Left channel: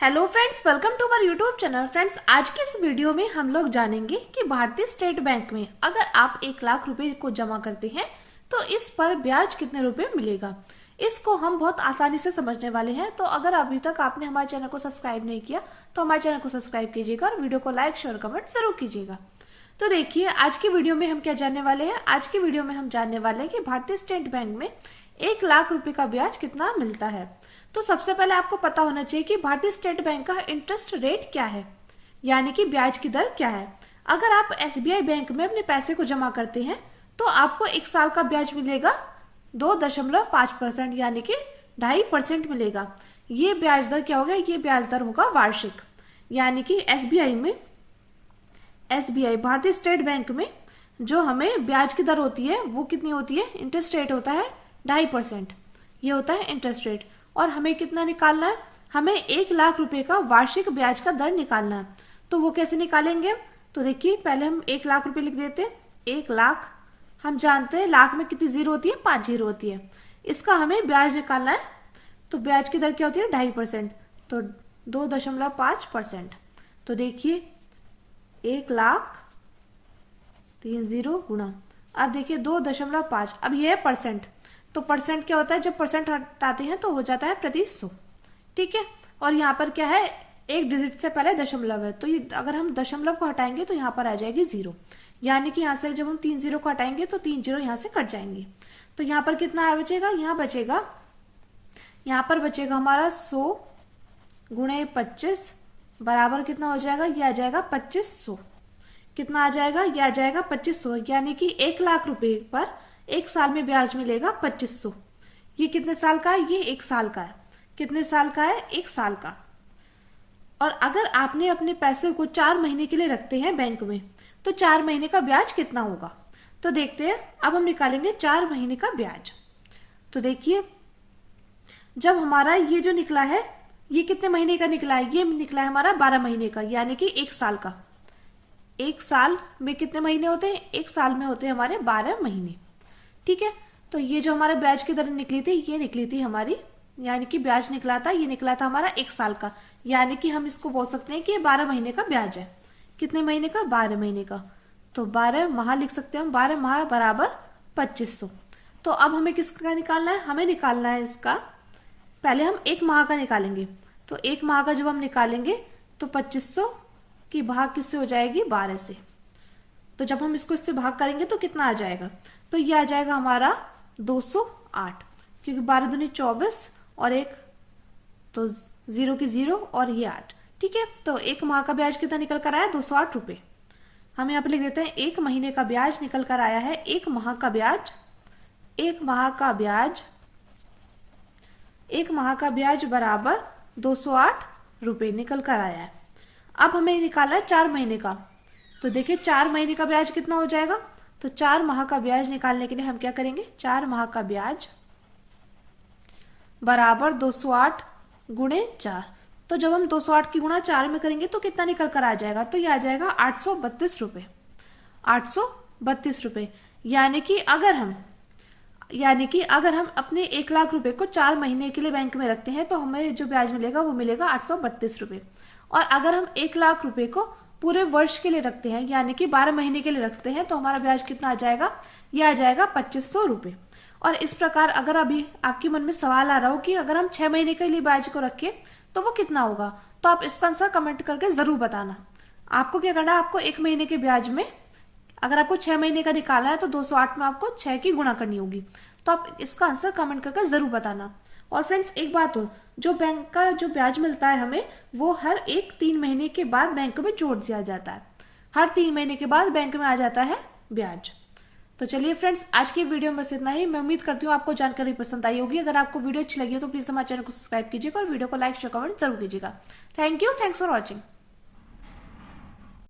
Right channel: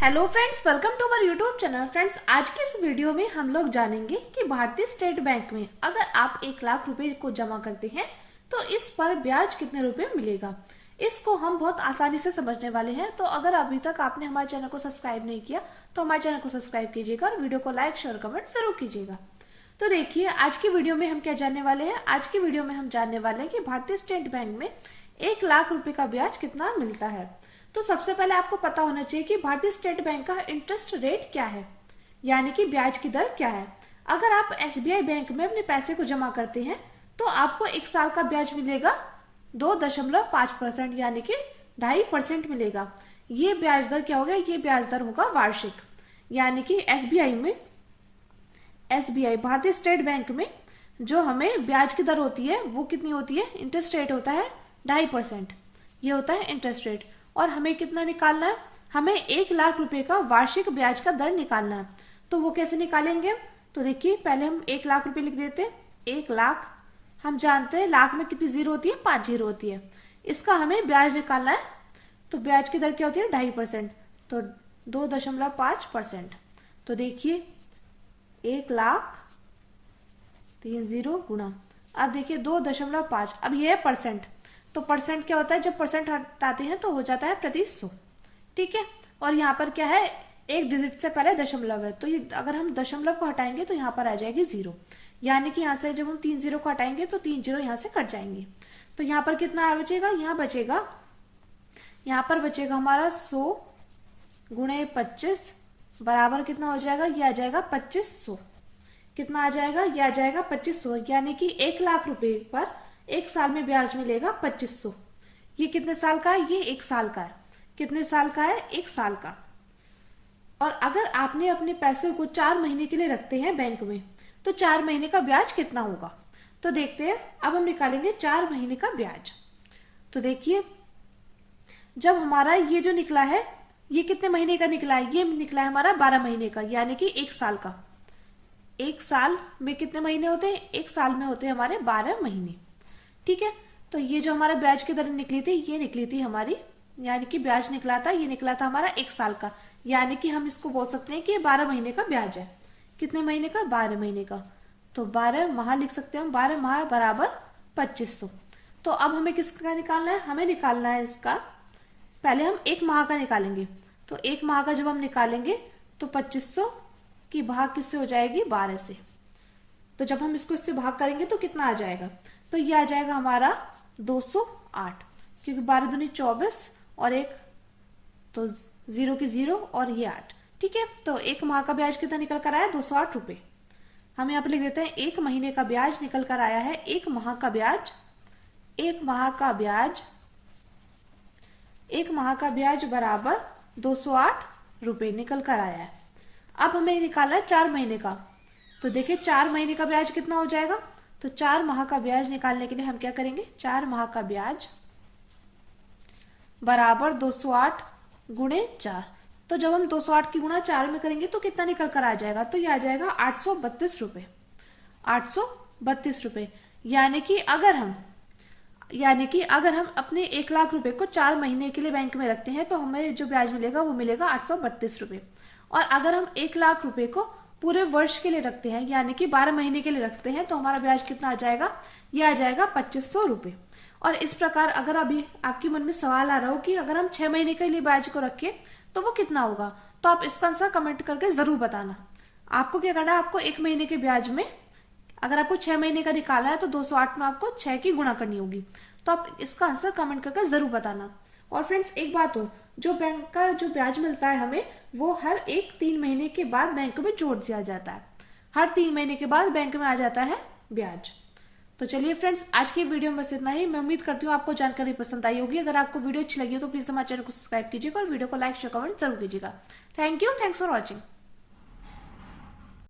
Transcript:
Hello friends, welcome to our YouTube channel. Friends, आज के इस वीडियो में हम लोग जानेंगे कि भारतीय स्टेट बैंक में अगर आप 1 लाख रुपए को जमा करते हैं तो इस पर ब्याज कितने रुपए मिलेगा। इसको हम बहुत आसानी से समझने वाले हैं। तो अगर अभी तक आपने हमारे चैनल को सब्सक्राइब नहीं किया तो हमारे चैनल को सब्सक्राइब कीजिएगा और वीडियो को लाइक शेयर कमेंट जरूर कीजिएगा। तो देखिए, आज की वीडियो में हम क्या जानने वाले हैं। आज की वीडियो में हम जानने वाले हैं कि भारतीय स्टेट बैंक में 1 लाख रुपए का ब्याज कितना मिलता है। तो सबसे पहले आपको पता होना चाहिए कि भारतीय स्टेट बैंक का इंटरेस्ट रेट क्या है, यानी कि ब्याज की दर क्या है। अगर आप एसबीआई बैंक में अपने पैसे को जमा करते हैं तो आपको 1 साल का ब्याज मिलेगा 2.5%, यानी कि 2.5% मिलेगा। ये ब्याज दर क्या होगा, ये ब्याज दर होगा वार्षिक, यानी कि एसबीआई भारतीय स्टेट बैंक में जो हमें ब्याज की दर होती है वो कितनी होती है, इंटरेस्ट रेट होता है 2.5%। ये होता है इंटरेस्ट रेट। और हमें कितना निकालना है, हमें 1 लाख रुपए का वार्षिक ब्याज का दर निकालना है। तो वो कैसे निकालेंगे, तो देखिए पहले हम 1 लाख रुपए लिख देते हैं। 1 लाख, हम जानते हैं लाख में कितनी जीरो होती है, 5 जीरो होती है। इसका हमें ब्याज निकालना है। तो ब्याज की दर क्या होती है, 2.5%, तो 2.5%। तो देखिए 1 लाख 3 जीरो गुणा, अब देखिए 2.5। अब ये है परसेंट, तो परसेंट क्या होता है, जब परसेंट हटाते हैं तो हो जाता है प्रति 100। ठीक है। और यहाँ पर क्या है, एक डिजिट से पहले दशमलव है, तो ये अगर हम दशमलव को हटाएंगे तो यहाँ पर आ जाएगी 0, यानी कि यहाँ से जब हम 3 जीरो को हटाएंगे तो 3 जीरो यहाँ से कट जाएंगे। तो यहाँ पर कितना बचेगा, यहाँ पर बचेगा हमारा 100 गुणे 25 बराबर कितना हो जाएगा, ये आ जाएगा 2500। कितना आ जाएगा, ये आ जाएगा 2500, यानी कि 1 लाख रुपए पर 1 साल में ब्याज मिलेगा 2500। ये कितने साल का है, ये 1 साल का है। कितने साल का है, 1 साल का। और अगर आपने अपने पैसे को 4 महीने के लिए रखते हैं बैंक में तो 4 महीने का ब्याज कितना होगा। तो देखते हैं, अब हम निकालेंगे 4 महीने का ब्याज। तो देखिए, जब हमारा ये जो निकला है, ये कितने महीने का निकला है, ये निकला है हमारा 12 महीने का, यानी कि 1 साल का। 1 साल में कितने महीने होते हैं, 1 साल में होते हैं हमारे 12 महीने। ठीक है। तो ये जो हमारे ब्याज की दर निकली थी, ये निकली थी हमारी, यानी कि ब्याज निकला था, ये निकला था हमारा 1 साल का, यानी कि हम इसको बोल सकते हैं कि ये 12 महीने का ब्याज है। कितने महीने का, 12 महीने का। तो 12 माह लिख सकते हैं हम, 12 माह बराबर 2500। तो अब हमें किसका निकालना है, हमें निकालना है इसका, पहले हम 1 माह का निकालेंगे। तो 1 माह का जब हम निकालेंगे तो 2500 की भाग किससे हो जाएगी, 12 से। तो जब हम इसको इससे भाग करेंगे तो कितना आ जाएगा, तो ये आ जाएगा हमारा 208, क्योंकि 12 दूनी 24 और 1 तो 0 की 0 और ये 8। ठीक है। तो 1 माह का ब्याज कितना निकल कर आया, 208 रुपए। हम यहाँ पे लिख देते हैं 1 महीने का ब्याज निकल कर आया है, 1 माह का ब्याज, 1 माह का ब्याज बराबर 208 रुपए निकल कर आया है। अब हमें निकालना है 4 महीने का। तो देखिए 4 महीने का ब्याज कितना हो जाएगा, तो 4 माह का ब्याज निकालने के लिए हम क्या करेंगे, 4 माह का ब्याज बराबर 208 गुणे 4। तो जब हम 208 की गुणा 4 में करेंगे तो कितना निकल कर आ जाएगा, तो ये आ जाएगा 832 रुपए। 832 रुपए, यानी कि अगर हम अपने 1 लाख रुपए को 4 महीने के लिए बैंक में रखते हैं तो हमें जो ब्याज मिलेगा वो मिलेगा 832 रुपए। और अगर हम 1 लाख रुपए को पूरे वर्ष के लिए रखते हैं, यानी कि 12 महीने के लिए रखते हैं, तो हमारा ब्याज कितना आ जाएगा, ये आ जाएगा 2500 रुपए। और इस प्रकार अगर अभी आपके मन में सवाल आ रहा हो कि अगर हम 6 महीने के लिए ब्याज को रखें तो वो कितना होगा, तो आप इसका आंसर कमेंट करके जरूर बताना। आपको क्या करना है, आपको 1 महीने के ब्याज में अगर आपको 6 महीने का निकालना है तो 208 में आपको 6 की गुणा करनी होगी। तो आप इसका आंसर कमेंट करके जरूर बताना। और फ्रेंड्स, एक बात हो, जो बैंक का जो ब्याज मिलता है हमें, वो हर 3 महीने के बाद बैंक में जोड़ दिया जाता है। हर 3 महीने के बाद बैंक में आ जाता है ब्याज। तो चलिए फ्रेंड्स, आज की वीडियो में बस इतना ही। मैं उम्मीद करती हूँ आपको जानकारी पसंद आई होगी। अगर आपको वीडियो अच्छी लगी हो तो प्लीज हमारे चैनल को सब्सक्राइब कीजिएगा और वीडियो को लाइक शेयर कमेंट जरूर कीजिएगा। Thank you, thanks for watching.